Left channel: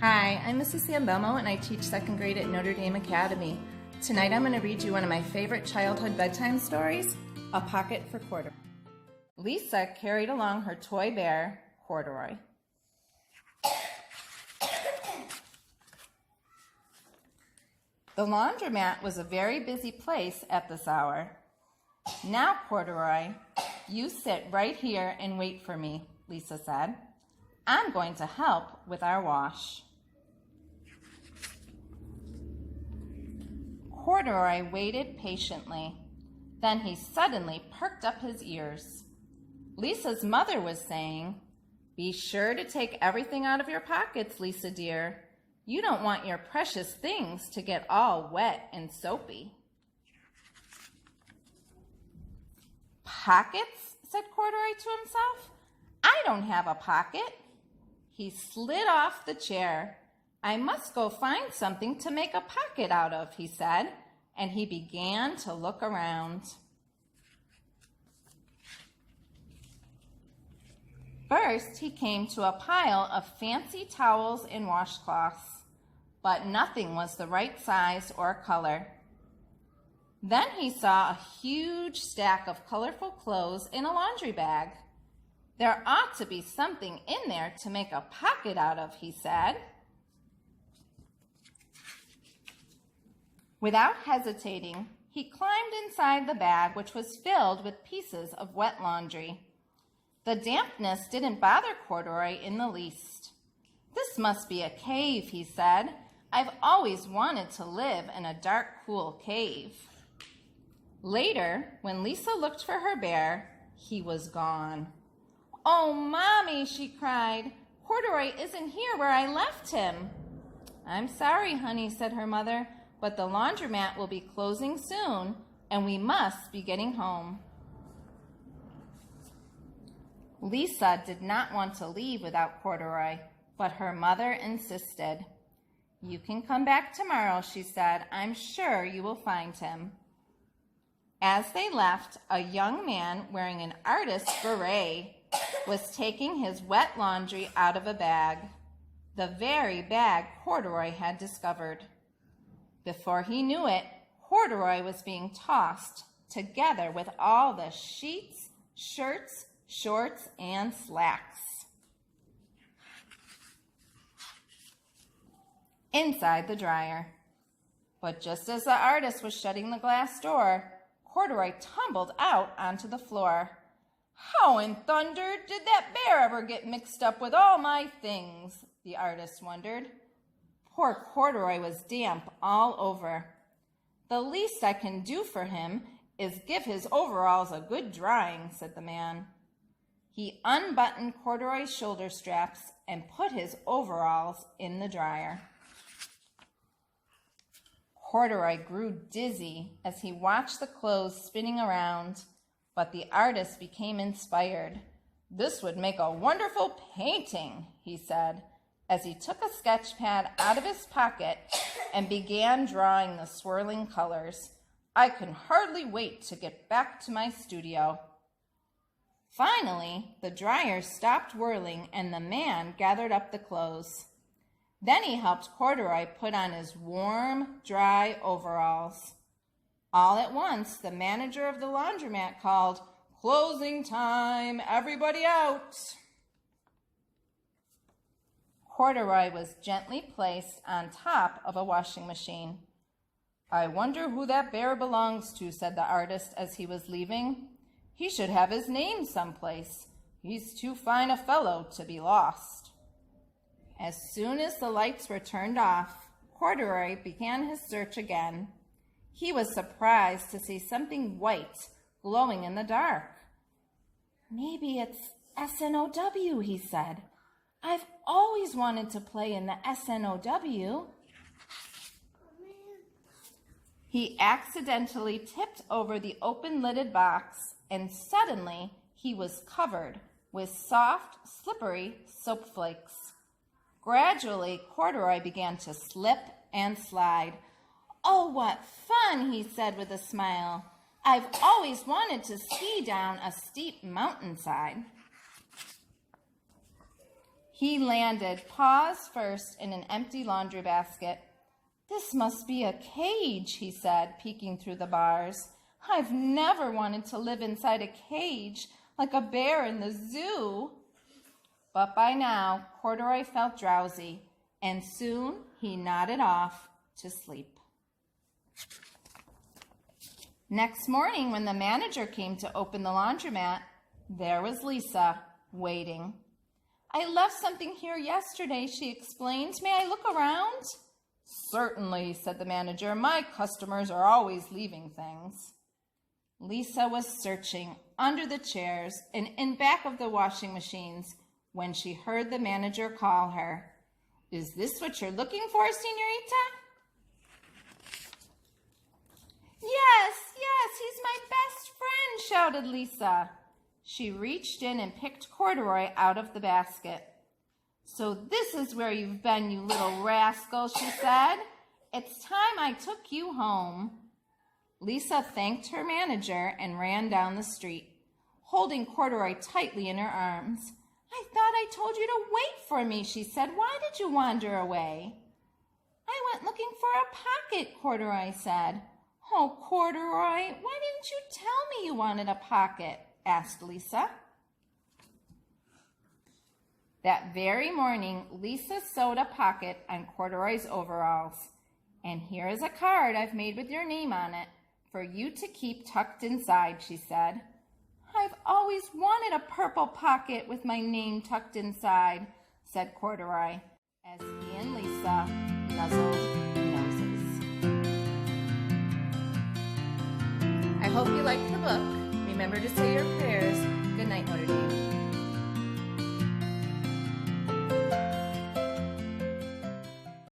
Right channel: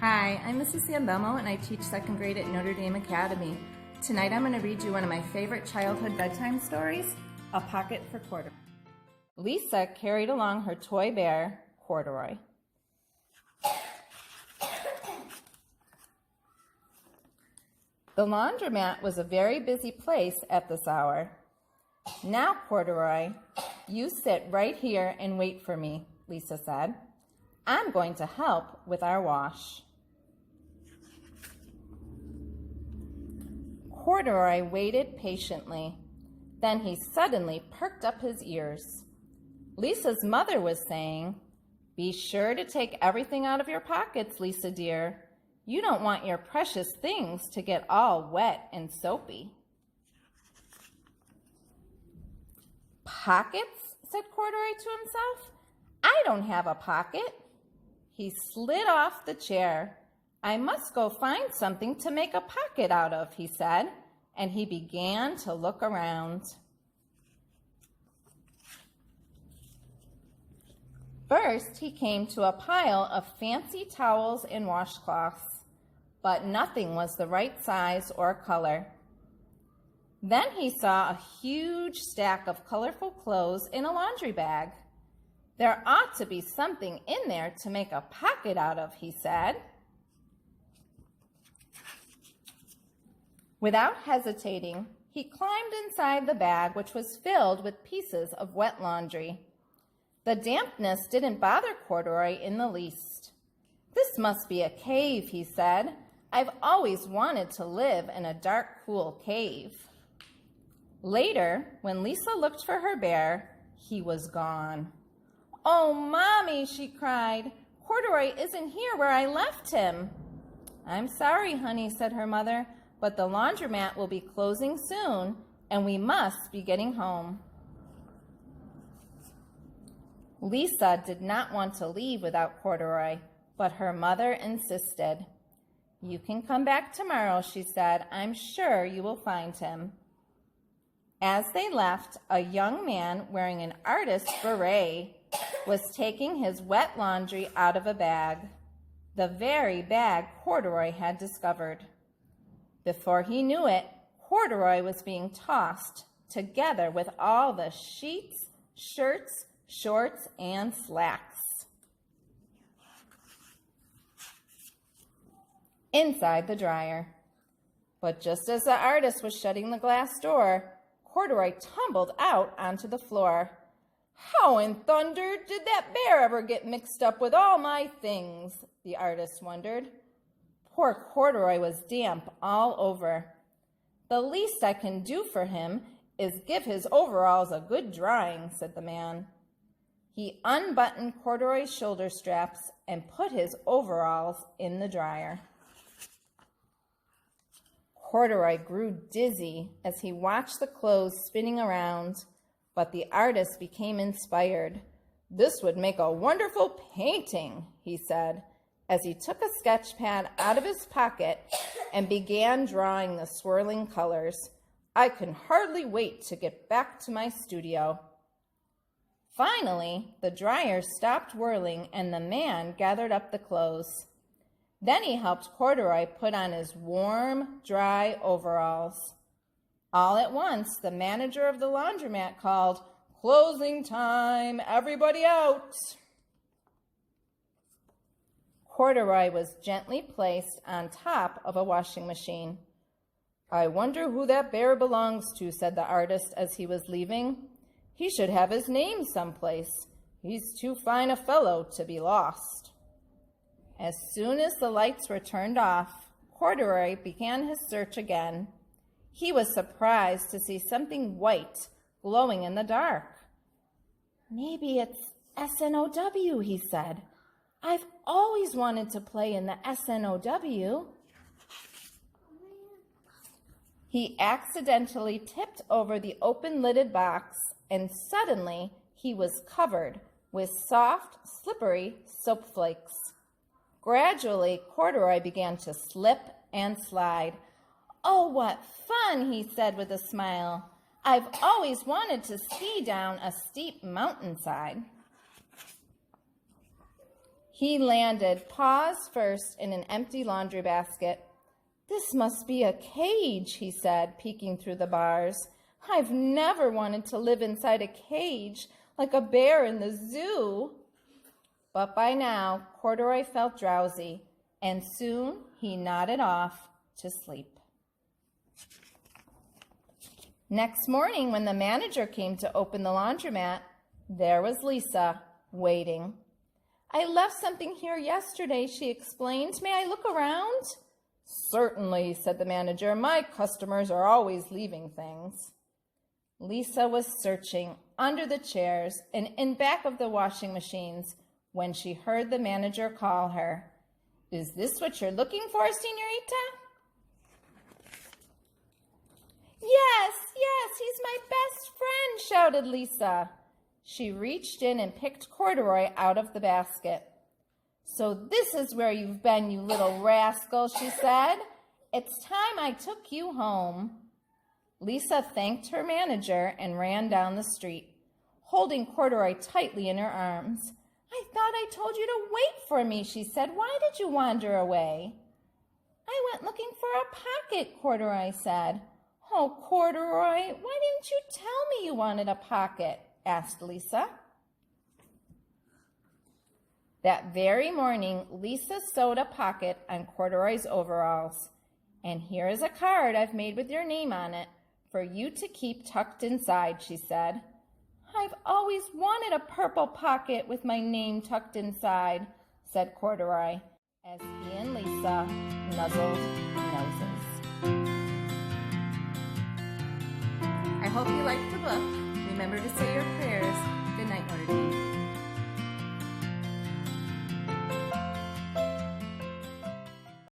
Hi, I'm Mrs. Sanbelmo and I teach second grade at Notre Dame Academy. Tonight I'm going to read you one of my favorite childhood bedtime stories, A Pocket for Corduroy. Lisa carried along her toy bear, Corduroy. The laundromat was a very busy place at this hour. Now, Corduroy, you sit right here and wait for me, Lisa said. I'm going to help with our wash. Corduroy waited patiently. Then he suddenly perked up his ears. Lisa's mother was saying, "Be sure to take everything out of your pockets, Lisa dear. You don't want your precious things to get all wet and soapy." "Pockets?" said Corduroy to himself. "I don't have a pocket." He slid off the chair. "I must go find something to make a pocket out of," he said, and he began to look around. First, he came to a pile of fancy towels and washcloths, but nothing was the right size or color. Then he saw a huge stack of colorful clothes in a laundry bag. "There ought to be something in there to make a pocket out of," he said. Without hesitating, he climbed inside the bag, which was filled with pieces of wet laundry. The dampness didn't bother Corduroy in the least. "This must be a cave," he said. "I've always wanted to live in a dark, cool cave." Later, when Lisa looked for her bear, he was gone. "Oh, Mommy," she cried, "Corduroy isn't here where I left him." "I'm sorry, honey," said her mother, "but the laundromat will be closing soon, and we must be getting home." Lisa did not want to leave without Corduroy, but her mother insisted. "You can come back tomorrow," she said. "I'm sure you will find him." As they left, a young man wearing an artist's beret was taking his wet laundry out of a bag, the very bag Corduroy had discovered. Before he knew it, Corduroy was being tossed together with all the sheets, shirts, shorts, and slacks. Inside the dryer. But just as the artist was shutting the glass door, Corduroy tumbled out onto the floor. "How in thunder did that bear ever get mixed up with all my things?" the artist wondered. Poor Corduroy was damp all over. "The least I can do for him is give his overalls a good drying," said the man. He unbuttoned Corduroy's shoulder straps and put his overalls in the dryer. Corduroy grew dizzy as he watched the clothes spinning around, but the artist became inspired. "This would make a wonderful painting," he said, as he took a sketch pad out of his pocket and began drawing the swirling colors. "I can hardly wait to get back to my studio." Finally, the dryer stopped whirling and the man gathered up the clothes. Then he helped Corduroy put on his warm, dry overalls. All at once, the manager of the laundromat called, "Closing time, everybody out." Corduroy was gently placed on top of a washing machine. "I wonder who that bear belongs to," said the artist as he was leaving. "He should have his name someplace. He's too fine a fellow to be lost." As soon as the lights were turned off, Corduroy began his search again. He was surprised to see something white glowing in the dark. "Maybe it's SNOW," he said. "I've always wanted to play in the SNOW." He accidentally tipped over the open-lidded box, and suddenly he was covered with soft, slippery soap flakes. Gradually, Corduroy began to slip and slide. "Oh, what fun," he said with a smile. "I've always wanted to ski down a steep mountainside." He landed paws first in an empty laundry basket. "This must be a cage," he said, peeking through the bars. "I've never wanted to live inside a cage like a bear in the zoo." But by now, Corduroy felt drowsy, and soon he nodded off to sleep. Next morning, when the manager came to open the laundromat, there was Lisa, waiting. "I left something here yesterday," she explained. "May I look around?" "Certainly," said the manager. "My customers are always leaving things." Lisa was searching under the chairs and in back of the washing machines when she heard the manager call her. "Is this what you're looking for, señorita?" Yes, he's my best friend," shouted Lisa. She reached in and picked Corduroy out of the basket. "So this is where you've been, you little rascal," she said. "It's time I took you home." Lisa thanked her manager and ran down the street, holding Corduroy tightly in her arms. "I thought I told you to wait for me," she said. "Why did you wander away?" "I went looking for a pocket," Corduroy said. "Oh, Corduroy, why didn't you tell me you wanted a pocket?" asked Lisa. That very morning, Lisa sewed a pocket on Corduroy's overalls. "And here is a card I've made with your name on it for you to keep tucked inside," she said. "I've always wanted a purple pocket with my name tucked inside," said Corduroy, as he and Lisa nuzzled noses. I hope you liked the book. Remember to say your prayers. Good night, Notre Dame.